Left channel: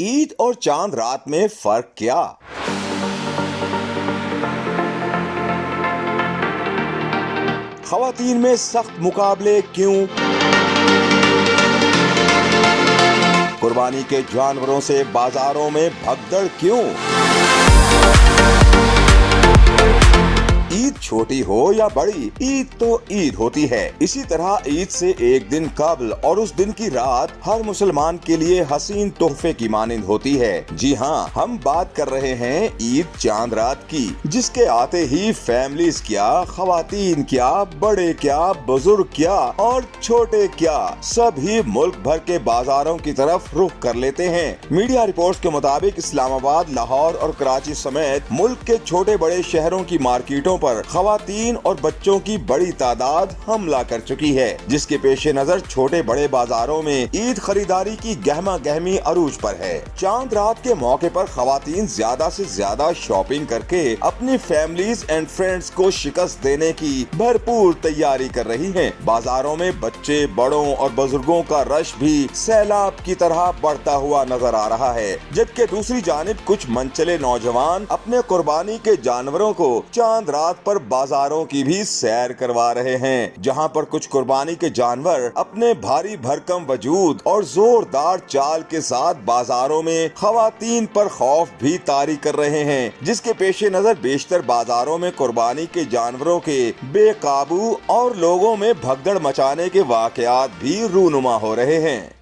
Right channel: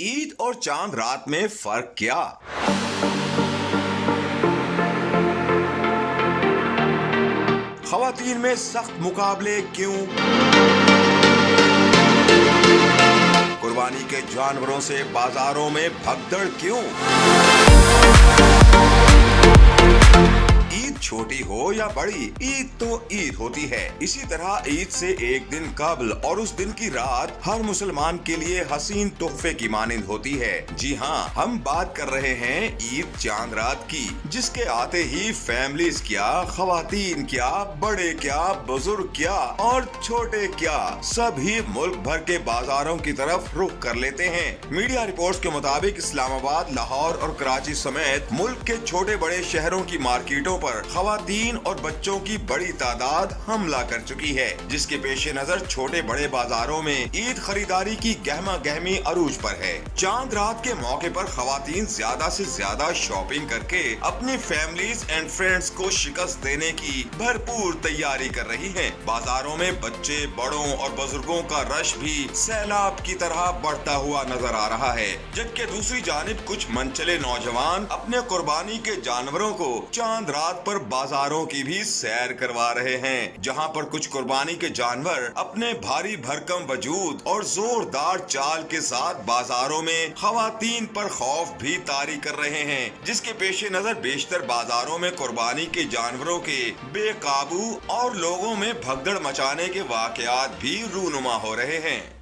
ईद और चांद रात में फर्क क्या? खवातीन में सख्त मुकाबले क्यों? कुर्बानी के जानवरों से बाजारों में भगदड़ क्यों? ईद छोटी हो या बड़ी, ईद तो ईद होती है। इसी तरह ईद से एक दिन कबल और उस दिन की रात हर मुसलमान के लिए हसीन तोहफे की मानिंद होती है। जी हाँ, हम बात कर रहे हैं ईद चांद रात की, जिसके आते ही फैमिलीज क्या, खवातीन क्या, बड़े क्या, बुजुर्ग क्या और छोटे क्या, सभी मुल्क भर के बाजारों की तरफ रुख कर लेते हैं। मीडिया रिपोर्ट्स के मुताबिक इस्लामाबाद, लाहौर और कराची समेत मुल्क के छोटे बड़े शहरों की मार्केटों पर खवातीन और बच्चों की बड़ी तादाद हमला कर चुकी है, जिसके पेश नजर छोटे बड़े बाजारों में ईद खरीदारी की गहमा गहमी अरूज पर है। चांद रात के मौके पर खवातीन ज्यादा से ज्यादा शॉपिंग करके अपनी फैमिलीज एंड फ्रेंड्स को शिकस्त देने की भरपूर तैयारी कर रही हैं। बाजारों में बच्चे, बड़ों और बुजुर्गों का रश भी सैलाब की तरह बढ़ता हुआ नजर आ रहा है, जबकि दूसरी जानिब कुछ मनचले नौजवान अपने कुर्बानी के जानवरों को चांद रात पर बाजारों की भी सैर करवा रहे हैं, जहां पर कुछ कुर्बानी के जानवर अपने भारी भरकम वजूद और जोरदार चाल के साथ बाजारों में खवातीन पर खौफ भी तारी कर रहे हैं, जिसके पेश नजर बेशतर बाजारों में कुर्बानी के जानवरों के बेकाबू और लोगों में भगदड़ मचाने के वाकयात भी रूनुमा हो रहे हैं।